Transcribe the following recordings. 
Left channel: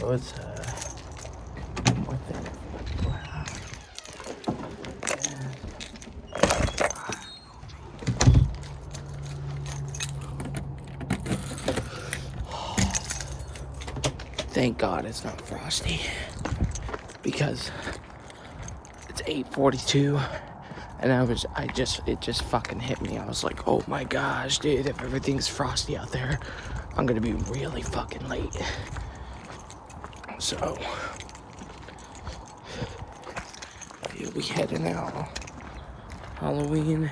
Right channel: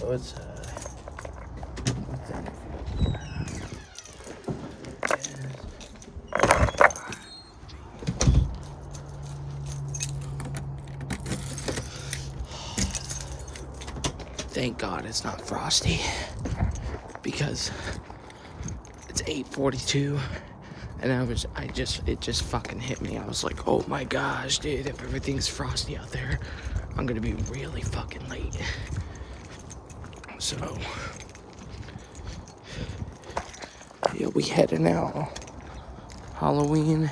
So it's thank God it's not frosty, because it's 8:42 and it just fucking hit me. I was like, oh my gosh, dude, if everything's frosty out there, I'm gonna be really fucking late. So yeah, we heading out. Halloween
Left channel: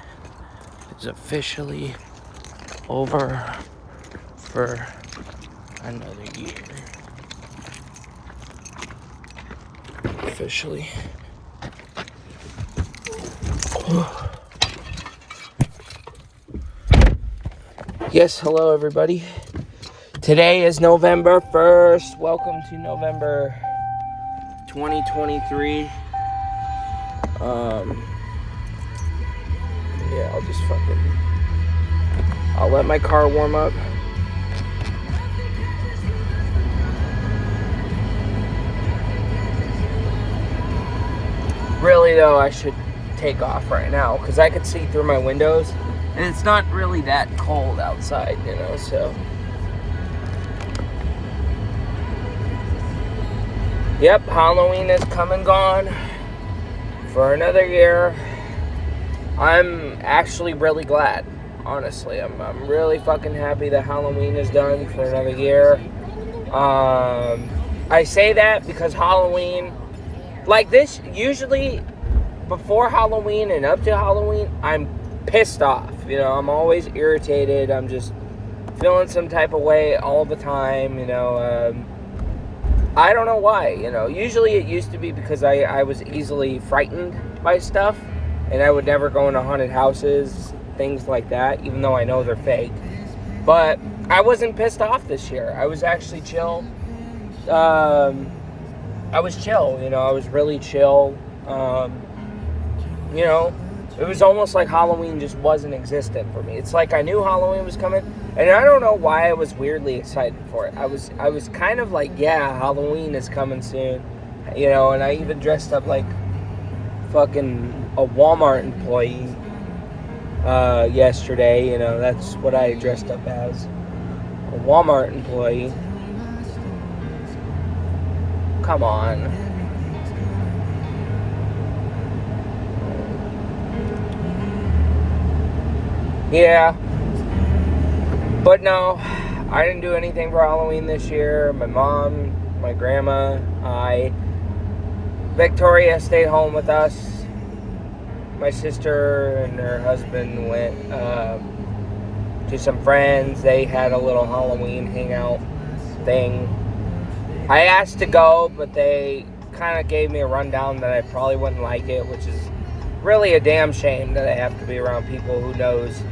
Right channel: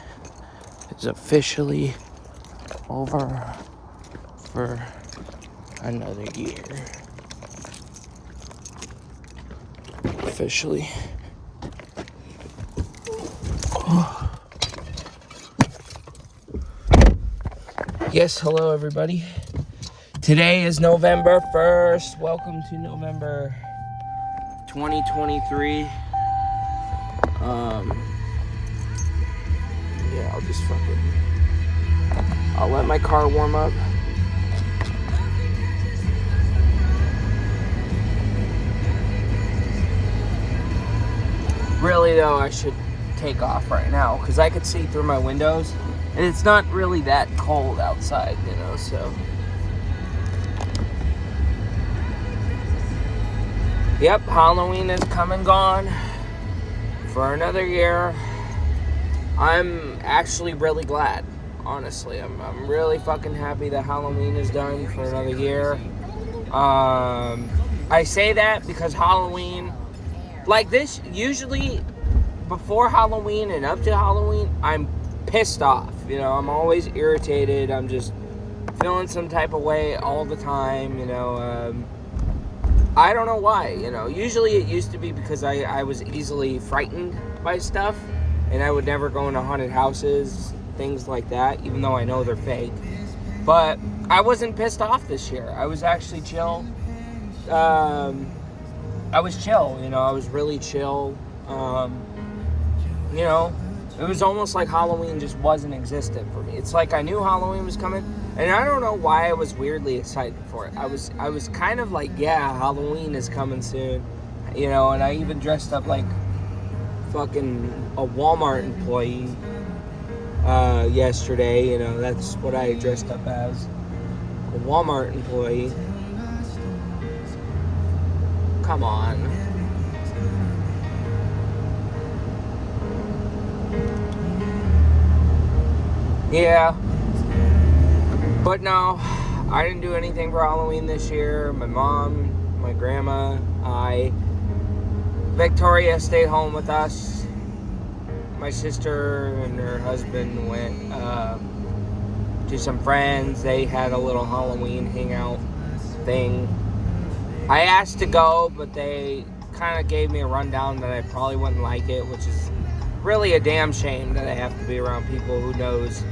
is officially over for another year. Officially. Yes, hello everybody. Today is November 1st. Welcome to November 2023. Yeah, I'll let my car warm up. Really though, I should take off right now because I could see through my windows and it's not really that cold outside, you know, so. Yep, Halloween is come and gone for another year. I'm actually really glad, honestly. I'm really fucking happy that Halloween is done for another year. I say that because Halloween, like this, usually before Halloween and up to Halloween, I'm pissed off. You know, I'm always irritated. I'm just feeling some type of way all the time, you know. I don't know why, you know. Usually it used to be because I was easily frightened by stuff, and I would never go into haunted houses, things like that, even though I know they're fake. But I wasn't pissed off this year. I was actually chill. I was chill, you know. I was really chill. You know, it was almost like Halloween just wasn't existent for me. It's like I knew Halloween was coming, and I don't know why I was weirdly excited for it. I was kind of like, yeah, Halloween is coming soon, you know, and I even dressed up like fucking a Walmart employee yesterday, you know. That's what I dressed up as, a Walmart employee. Come on. Yeah, but no, I didn't do anything for Halloween this year. My mom, my grandma, Victoria stayed home with us. My sister and her husband went to some friends. They had a little Halloween hangout thing. I asked to go, but they kind of gave me a rundown that I probably wouldn't like it, which is really a damn shame that I have to be around people who knows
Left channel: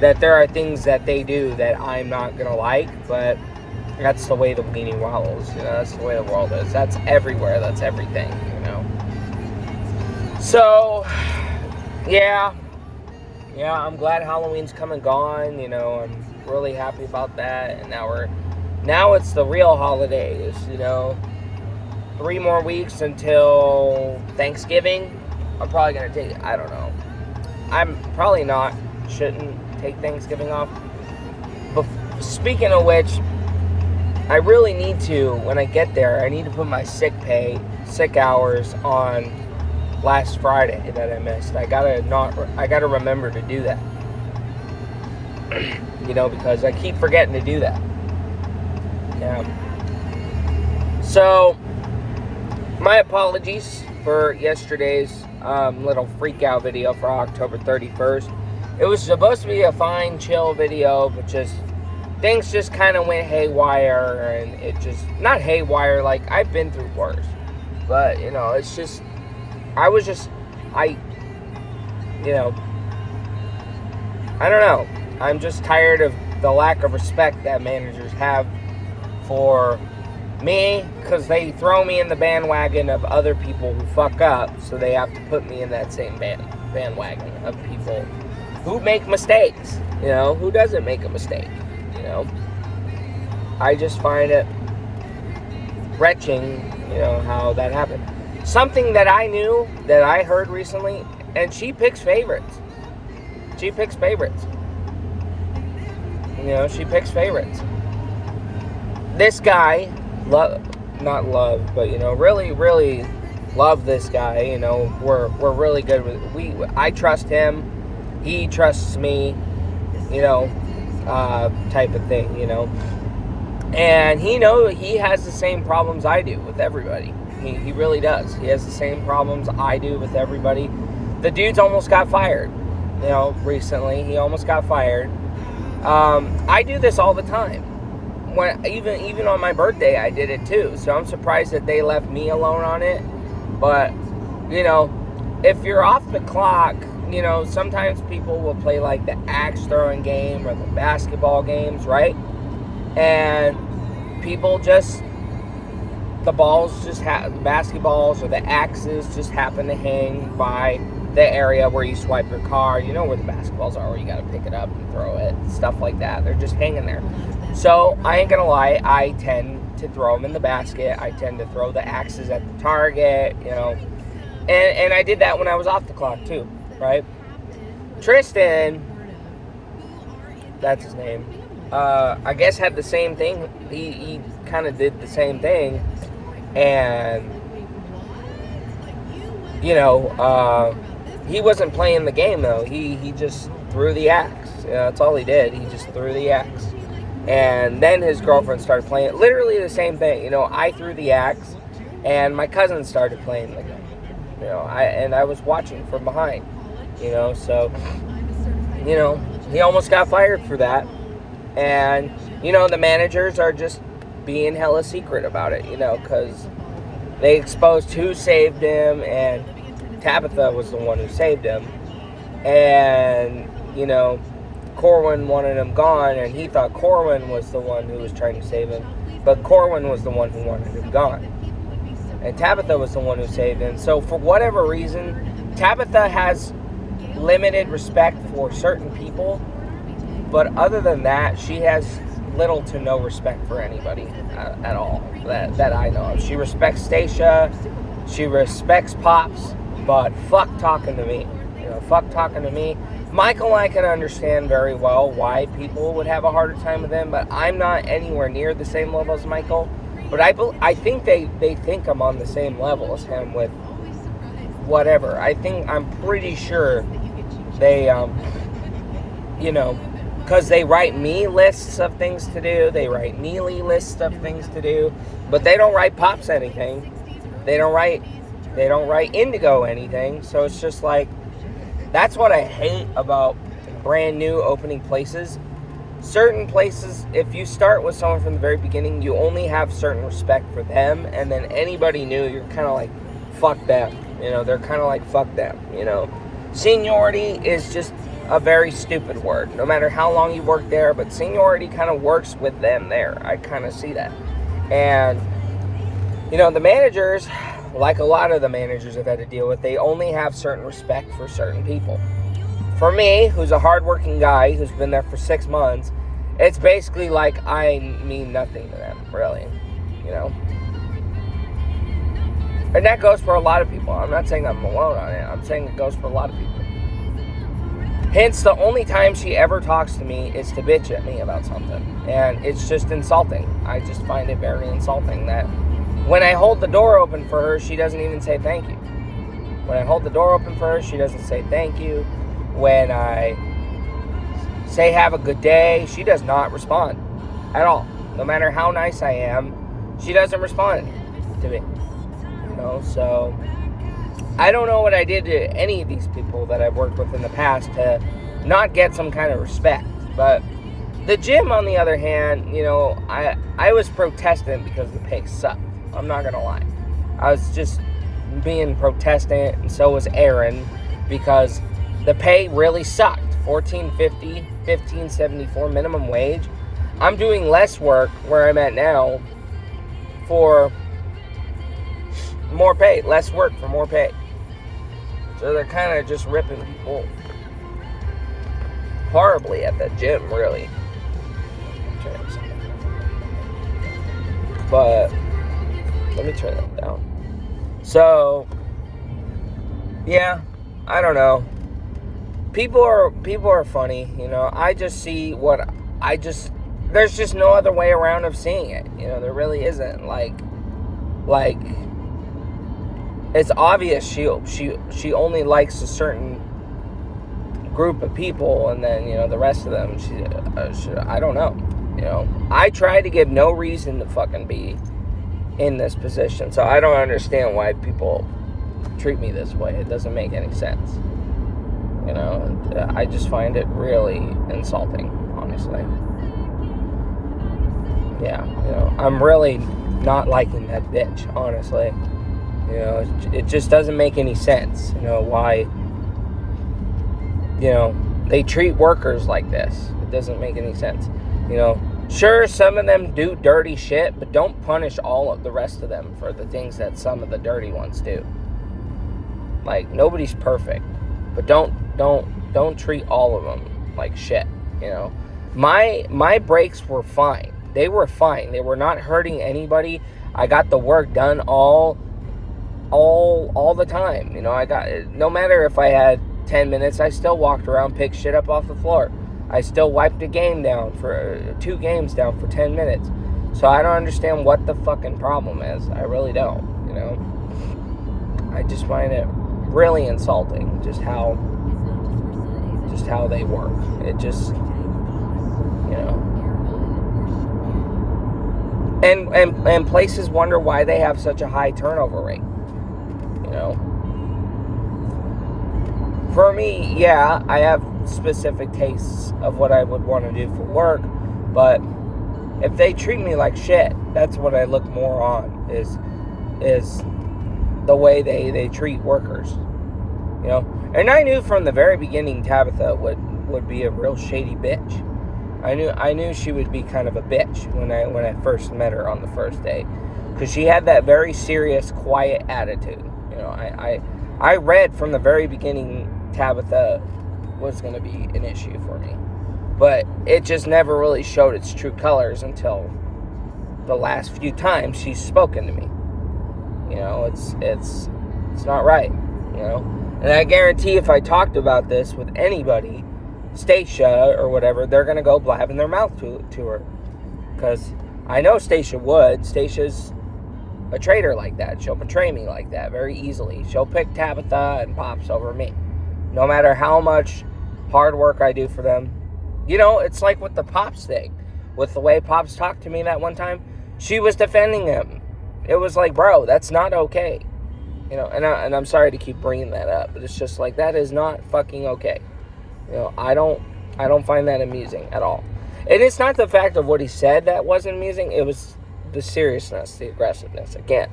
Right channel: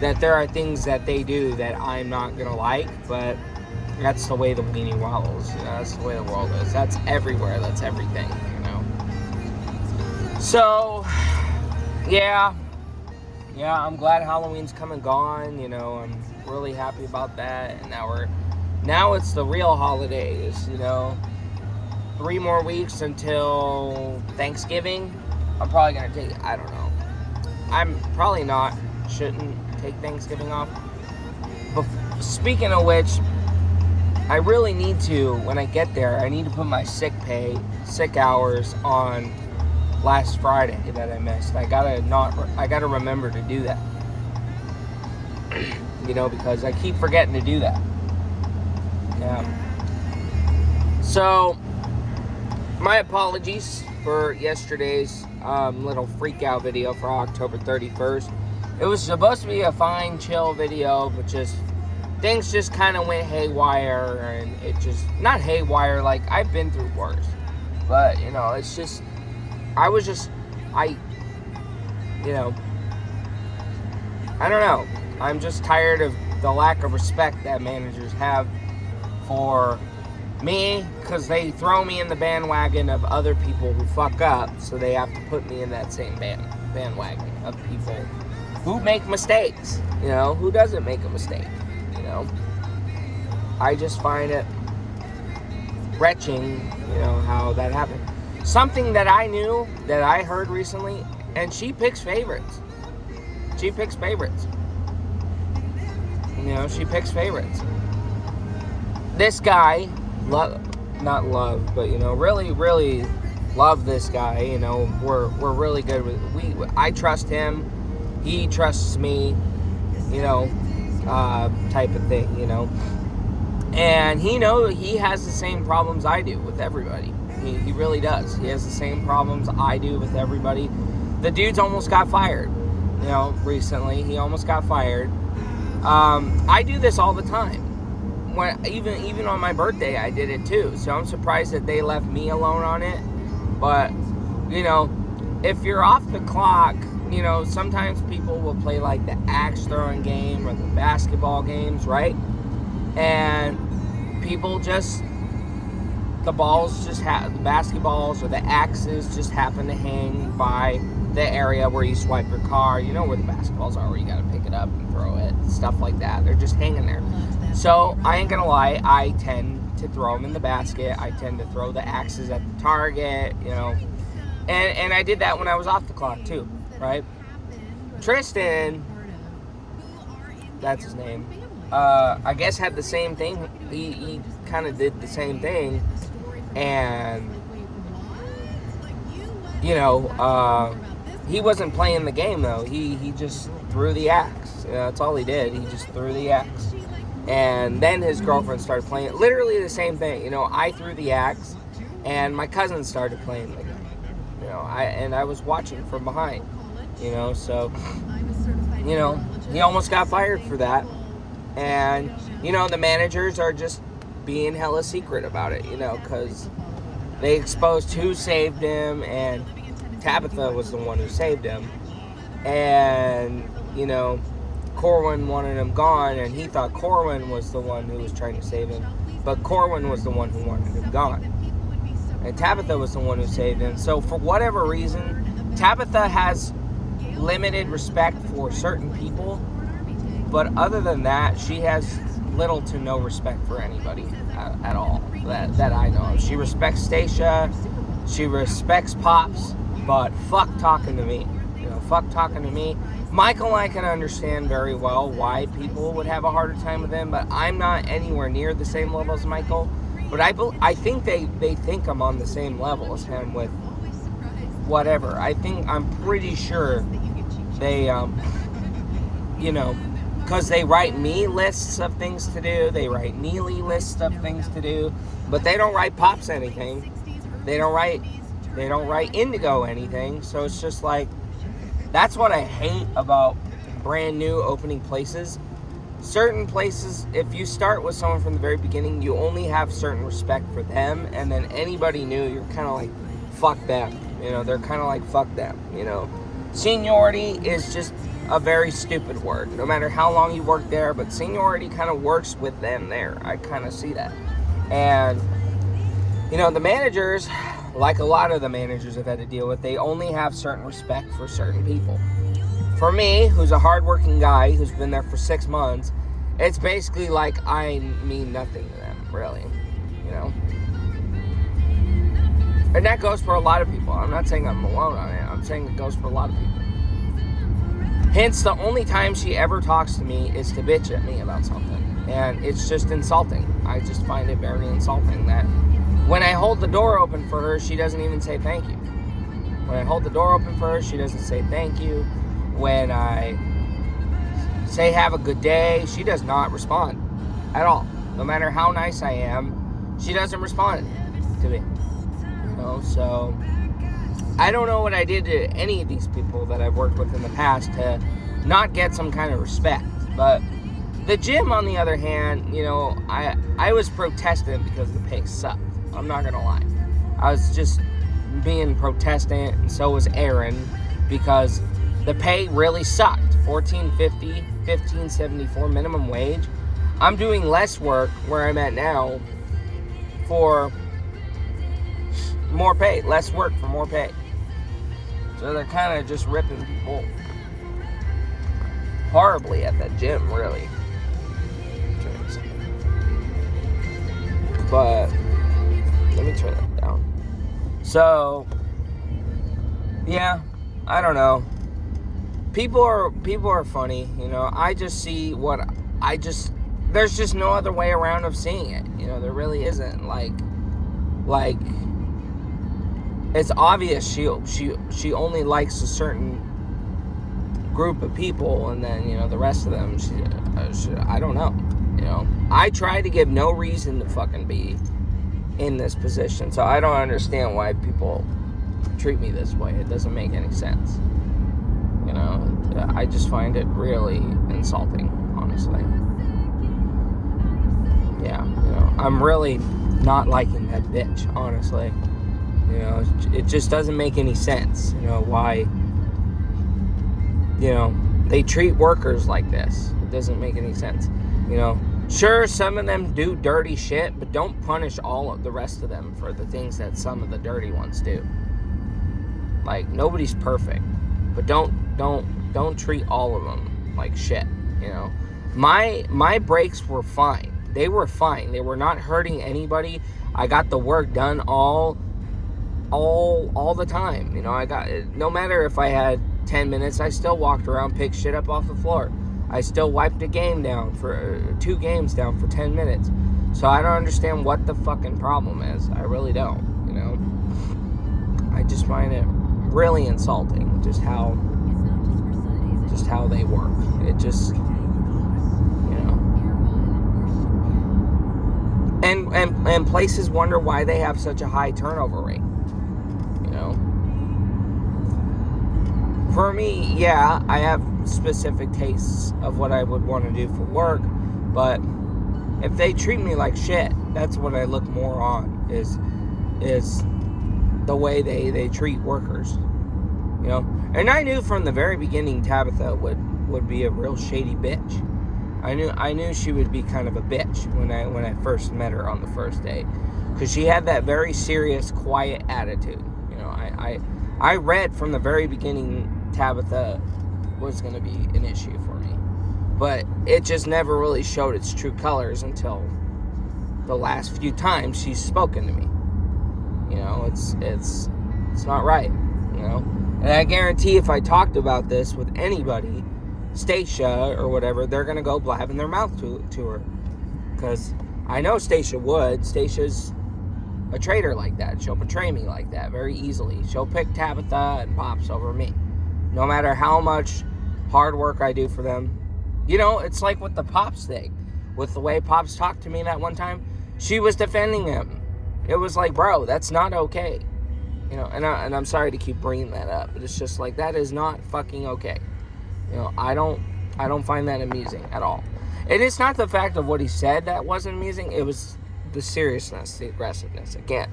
that there are things that they do that I'm not going to like, but that's the way the weenie waddles, you know, that's the way the world is. That's everywhere, that's everything, you know. So, yeah, I'm glad Halloween's come and gone, you know. I'm really happy about that, and now it's the real holidays, you know. 3 more weeks until Thanksgiving. I'm probably going to take, I don't know. I'm probably shouldn't take Thanksgiving off. But speaking of which, I really need to, when I get there, I need to put my sick hours on last Friday that I missed. I gotta remember to do that. You know, because I keep forgetting to do that. Yeah. So, my apologies for yesterday's little freak out video for October 31st. It was supposed to be a fine, chill video, but things just kind of went haywire, and it just, not haywire, like, I've been through worse, but, you know, it's just, you know, I don't know, I'm just tired of the lack of respect that managers have for me, because they throw me in the bandwagon of other people who fuck up, so they have to put me in that same bandwagon of people who make mistakes, you know. Who doesn't make a mistake, you know? I just find it retching, how that happened. Something that I knew, that I heard recently, and she picks favorites. She picks favorites. She picks favorites. This guy, not love, but really, really love this guy. We're really good with. I trust him. He trusts me. Type of thing. And he has the same problems I do with everybody. He really does. He has the same problems I do with everybody. The dude's almost got fired. Recently he almost got fired. I do this all the time. When even on my birthday, I did it too. So I'm surprised that they left me alone on it. But if you're off the clock, sometimes people will play like the axe throwing game or the basketball games, right? And people just, the basketballs or the axes just happen to hang by the area where you swipe your car. Where the basketballs are, where you gotta pick it up and throw it, stuff like that. They're just hanging there. So I ain't gonna lie, I tend to throw them in the basket. I tend to throw the axes at the target, and I did that when I was off the clock too, right? Tristan, that's his name, I guess had the same thing. He kind of did the same thing, and he wasn't playing the game though. He just threw the axe. That's all he did. He just threw the axe. And then his girlfriend started playing. Literally the same thing. I threw the axe, and my cousin started playing with it. I was watching from behind. So he almost got fired for that. And the managers are just being hella secret about it. Because they exposed who saved him, and Tabitha was the one who saved him. And Corwin wanted him gone, and he thought Corwin was the one who was trying to save him, but Corwin was the one who wanted him gone, and Tabitha was the one who saved him. So for whatever reason, Tabitha has limited respect for certain people, but other than that, she has little to no respect for anybody at all that I know of. She respects Stacia, she respects Pops, but fuck talking to me. Fuck talking to me. Michael, I can understand very well why people would have a harder time with him, but I'm not anywhere near the same level as Michael. But I think they think I'm on the same level as him with whatever. I'm pretty sure they, because they write me lists of things to do. They write Neely lists of things to do, but they don't write Pops anything. They don't write Indigo anything. So it's just like, that's what I hate about brand new opening places. Certain places, if you start with someone from the very beginning, you only have certain respect for them, and then anybody new, you're kind of like, fuck them. They're kind of like, fuck them. Seniority is just a very stupid word, no matter how long you work there, but seniority kind of works with them there. I kind of see that. And, the managers, like a lot of the managers I've had to deal with, they only have certain respect for certain people. For me, who's a hardworking guy who's been there for 6 months, it's basically like I mean nothing to them, really. And that goes for a lot of people. I'm not saying I'm alone on it. I'm saying it goes for a lot of people. Hence, the only time she ever talks to me is to bitch at me about something. And it's just insulting. I just find it very insulting that when I hold the door open for her, she doesn't even say thank you. When I hold the door open for her, she doesn't say thank you. When I say have a good day, she does not respond at all. No matter how nice I am, she doesn't respond to me. So I don't know what I did to any of these people that I've worked with in the past to not get some kind of respect. But the gym, on the other hand, I was protestant because the pay sucked. I'm not going to lie. I was just being protestant, and so was Aaron, because the pay really sucked. $14.50, $15.74 minimum wage. I'm doing less work where I'm at now for more pay. Less work for more pay. So they're kind of just ripping people horribly at the gym, really. But let me turn that down. So, yeah, I don't know. People are funny, you know. I just see there's just no other way around of seeing it. You know, there really isn't. Like it's obvious she only likes a certain group of people, and then, you know, the rest of them she I don't know. You know, I try to give no reason to fucking be in this position, so I don't understand why people treat me this way. It doesn't make any sense. You know, I just find it really insulting, honestly. Yeah, you know, I'm really not liking that bitch, honestly. You know, it just doesn't make any sense, you know, why, you know, they treat workers like this. It doesn't make any sense. You know, sure, some of them do dirty shit, but don't punish all of the rest of them for the things that some of the dirty ones do. Like, nobody's perfect, but don't treat all of them like shit, you know. My breaks were fine. They were fine. They were not hurting anybody. I got the work done all the time. You know, I got, no matter if I had 10 minutes, I still walked around, picked shit up off the floor. I still wiped a game down for 2 games down for 10 minutes. So I don't understand what the fucking problem is. I really don't, you know. I just find it really insulting just how they work. It just, you know. And places wonder why they have such a high turnover rate. You know. For me, yeah, I have specific tastes of what I would want to do for work, but if they treat me like shit, that's what I look more on, is the way they treat workers. You know? And I knew from the very beginning Tabitha would be a real shady bitch. I knew she would be kind of a bitch when I first met her on the first day, because she had that very serious, quiet attitude. You know, I read from the very beginning Tabitha was going to be an issue for me, but it just never really showed its true colors until the last few times she's spoken to me. You know, it's not right. You know, and I guarantee if I talked about this with anybody, Stacia or whatever, they're gonna go blabbing their mouth to her, because I know Stacia would. Stacia's a traitor like that. She'll betray me like that very easily. She'll pick Tabitha and Pops over me, no matter how much hard work I do for them. You know, it's like with the Pops thing, with the way Pops talked to me that one time. She was defending him. It was like, bro, that's not okay. You know, and I'm sorry to keep bringing that up, but it's just like, that is not fucking okay. You know, I don't find that amusing at all. And it's not the fact of what he said that wasn't amusing. It was the seriousness, the aggressiveness, again.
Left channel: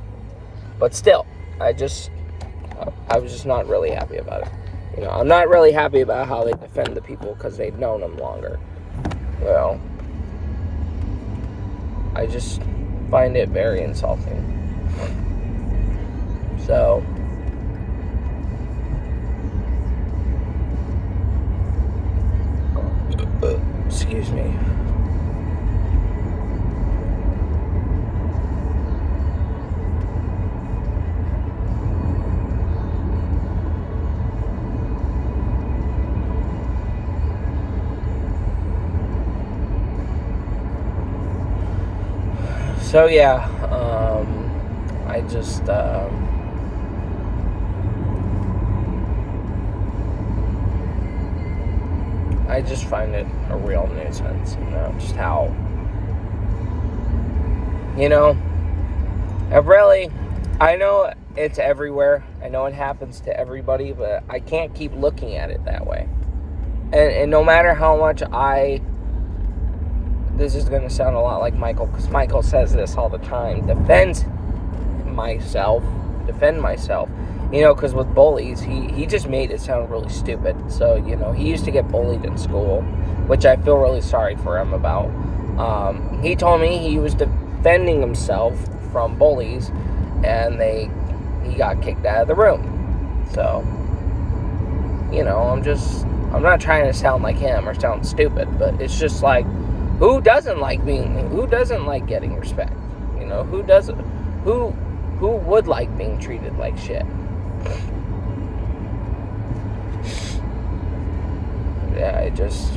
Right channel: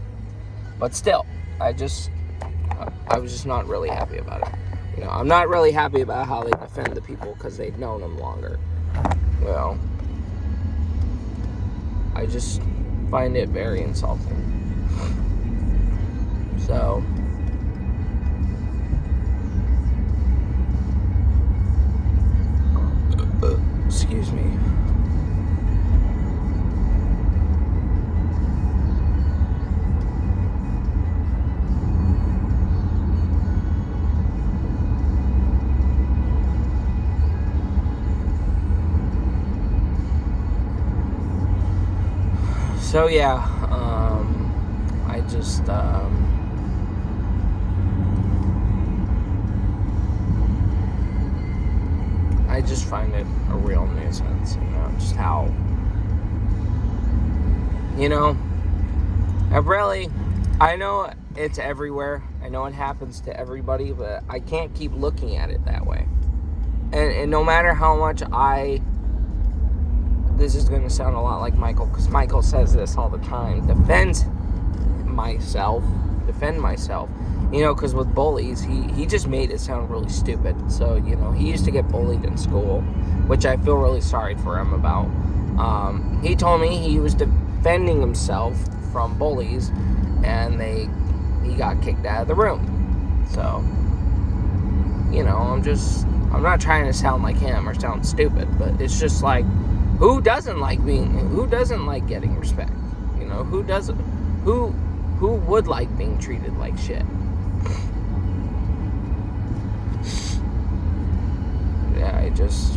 But still, I was just not really happy about it. You know, I'm not really happy about how they defend the people because they've known them longer. You know, I just find it very insulting. So, excuse me. So yeah, I just find it a real nuisance, you know, just how, you know, I know it's everywhere, I know it happens to everybody, but I can't keep looking at it that way, and no matter how much this is going to sound a lot like Michael, because Michael says this all the time, defend myself, you know, because with bullies, he just made it sound really stupid. So, you know, he used to get bullied in school, which I feel really sorry for him about. He told me he was defending himself from bullies, and he got kicked out of the room. So, you know, I'm not trying to sound like him or sound stupid, but it's just like, who doesn't like getting respect? You know, who Who would like being treated like shit? Yeah, it's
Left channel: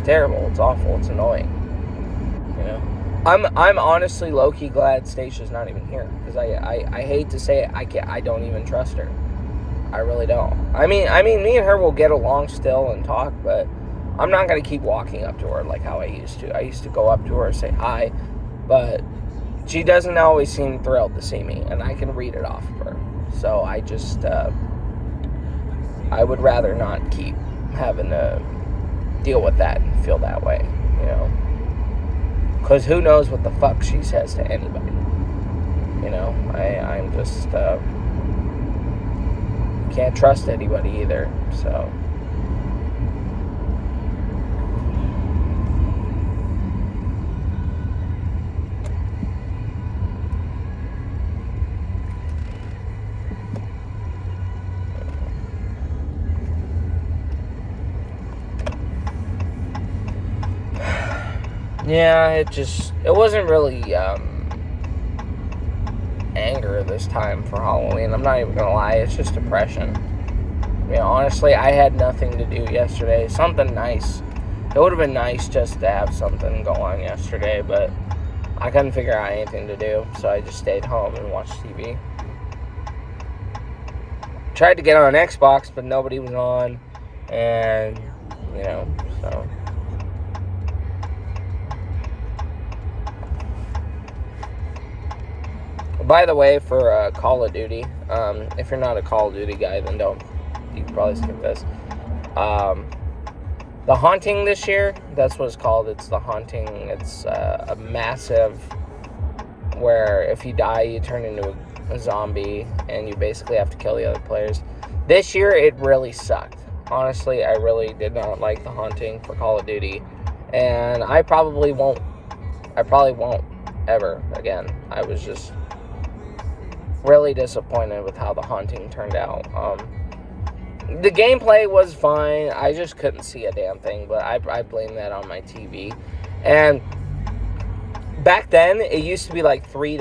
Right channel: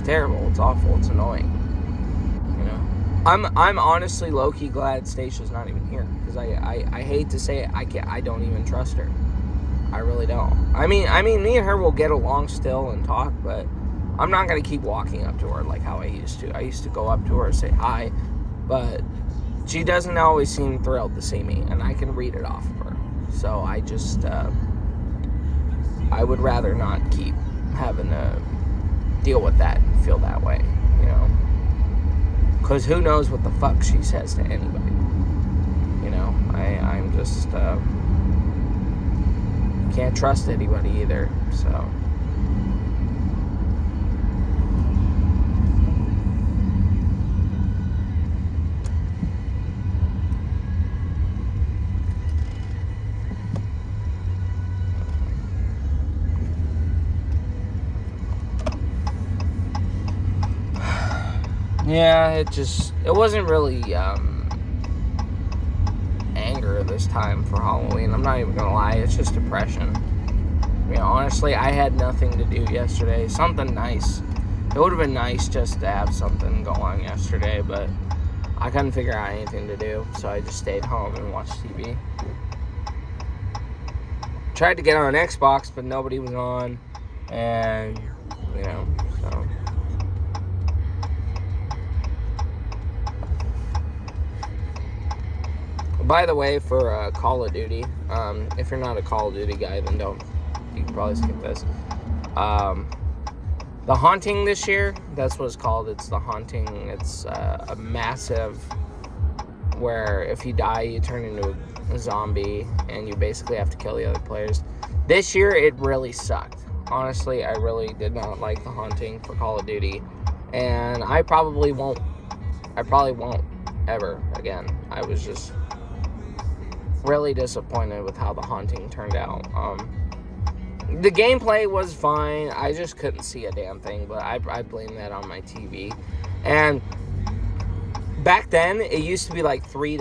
terrible. It's awful. It's annoying. You know, I'm honestly low-key glad Stacia's not even here, because I hate to say it, I don't even trust her. I really don't. I mean, me and her will get along still and talk, but I'm not gonna keep walking up to her like how I used to. I used to go up to her, say hi, but she doesn't always seem thrilled to see me, and I can read it off of her. So I just, I would rather not keep having to deal with that and feel that way, you know? Because who knows what the fuck she says to anybody, you know? I'm just, can't trust anybody either, so... Yeah, it wasn't really, anger this time for Halloween. I'm not even gonna lie, it's just depression. You know, honestly, I had nothing to do yesterday. Something nice. It would have been nice just to have something go on yesterday, but I couldn't figure out anything to do, so I just stayed home and watched TV. Tried to get on Xbox, but nobody was on, and, you know, so... By the way, for Call of Duty, if you're not a Call of Duty guy, then you can probably skip this. The Haunting this year, that's what it's called. It's The Haunting. It's a massive, where if you die, you turn into a zombie, and you basically have to kill the other players. This year, it really sucked. Honestly, I really did not like The Haunting for Call of Duty, and I probably won't ever again. I was just really disappointed with how The Haunting turned out. The gameplay was fine. I just couldn't see a damn thing, but I blame that on my TV. And back then, it used to be like 3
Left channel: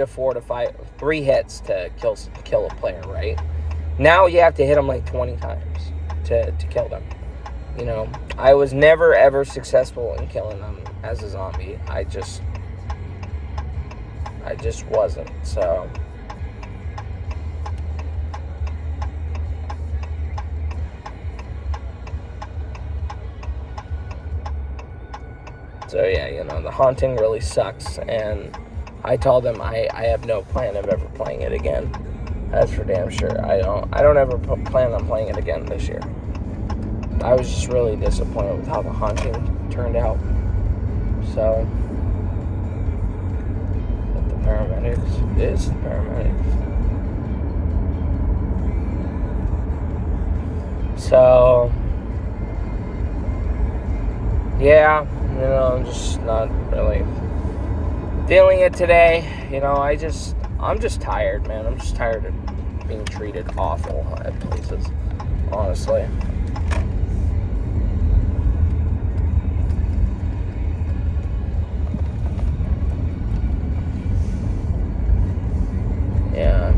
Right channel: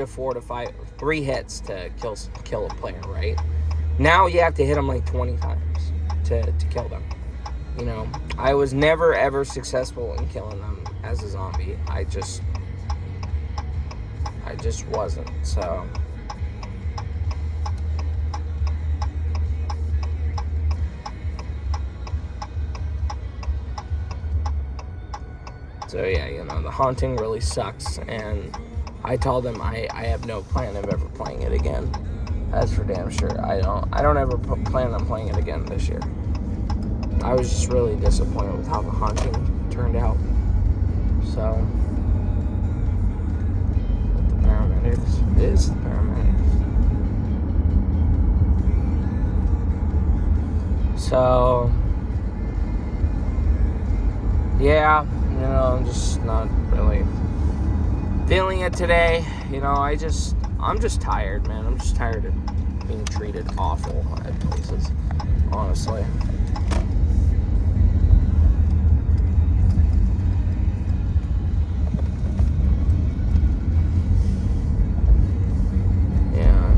hits to kill a player, right? Now you have to hit them like 20 times to kill them. You know, I was never ever successful in killing them as a zombie. I just wasn't. So yeah, you know, The Haunting really sucks, and I told them I have no plan of ever playing it again. That's for damn sure. I don't ever plan on playing it again this year. I was just really disappointed with how The Haunting turned out. So, but the paramedics is the paramedics. So, yeah, you know, I'm just not really feeling it today. You know, I'm just tired, man. I'm just tired of being treated awful at places, honestly. Yeah.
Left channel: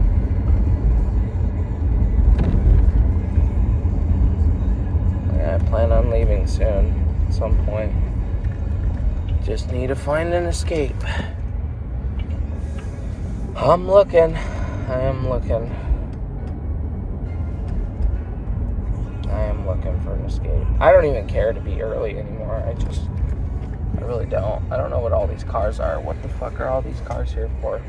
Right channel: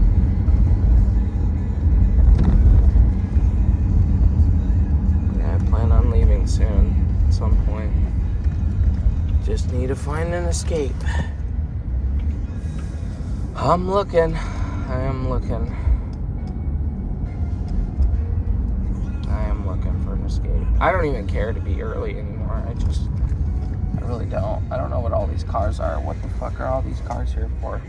Yeah, I plan on leaving soon. At some point. Just need to find an escape. I am looking. I am looking for an escape. I don't even care to be early anymore. I really don't. I don't know what all these cars are. What the fuck are all these cars here for?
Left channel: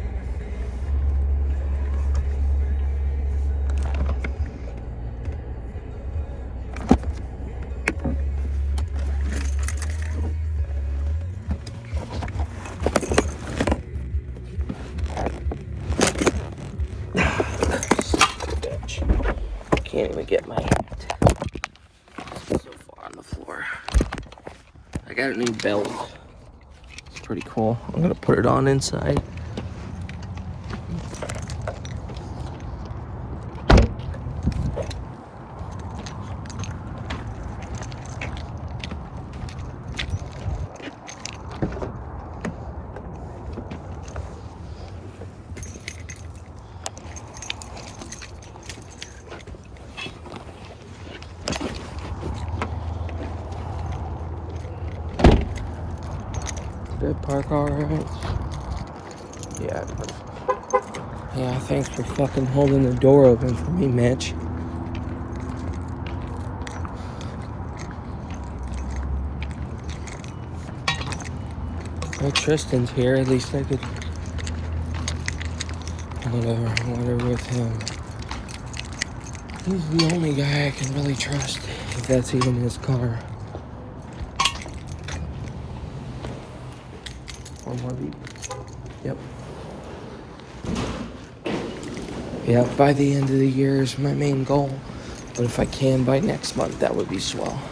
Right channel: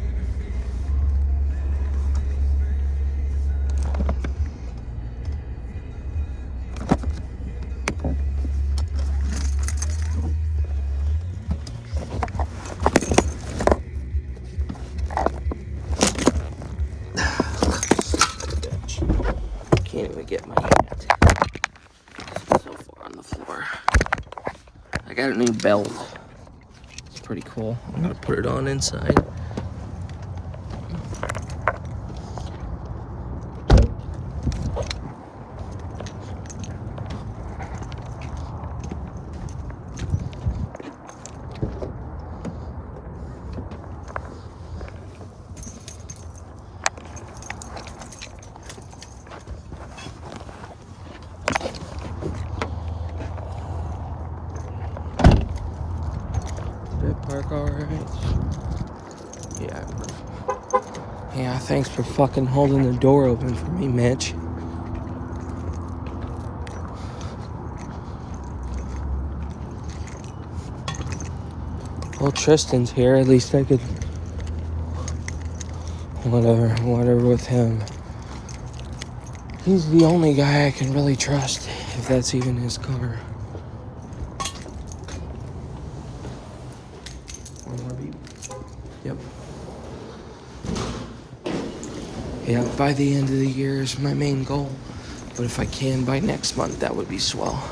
Can't even get my hat. It's so far on the floor. I got a new belt. It's pretty cool. I'm gonna put it on inside. Did it park alright? Yeah, perfect. Yeah, thanks for fucking holding the door open for me, Mitch. Well, Tristan's here. At least I could whatever with him. He's the only guy I can really trust, if that's even his car. One more beep. Yep. Yeah, by the end of the year is my main goal. But if I can by next month, that would be swell.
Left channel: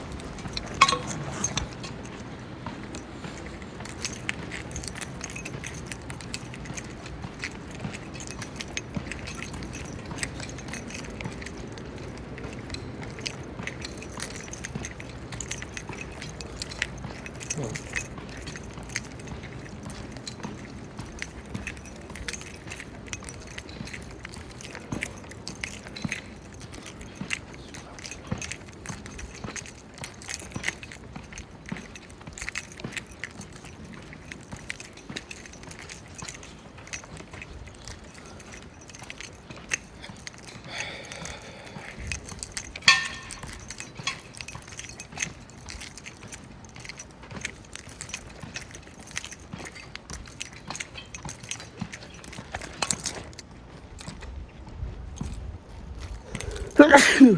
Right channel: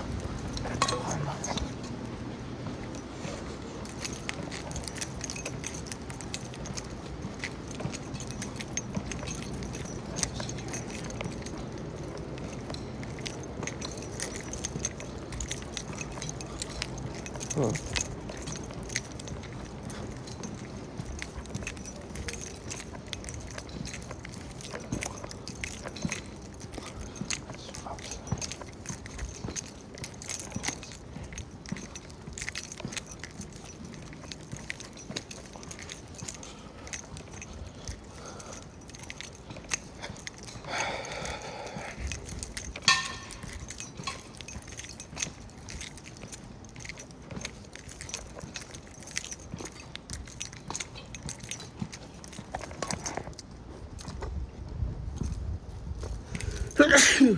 Hmm.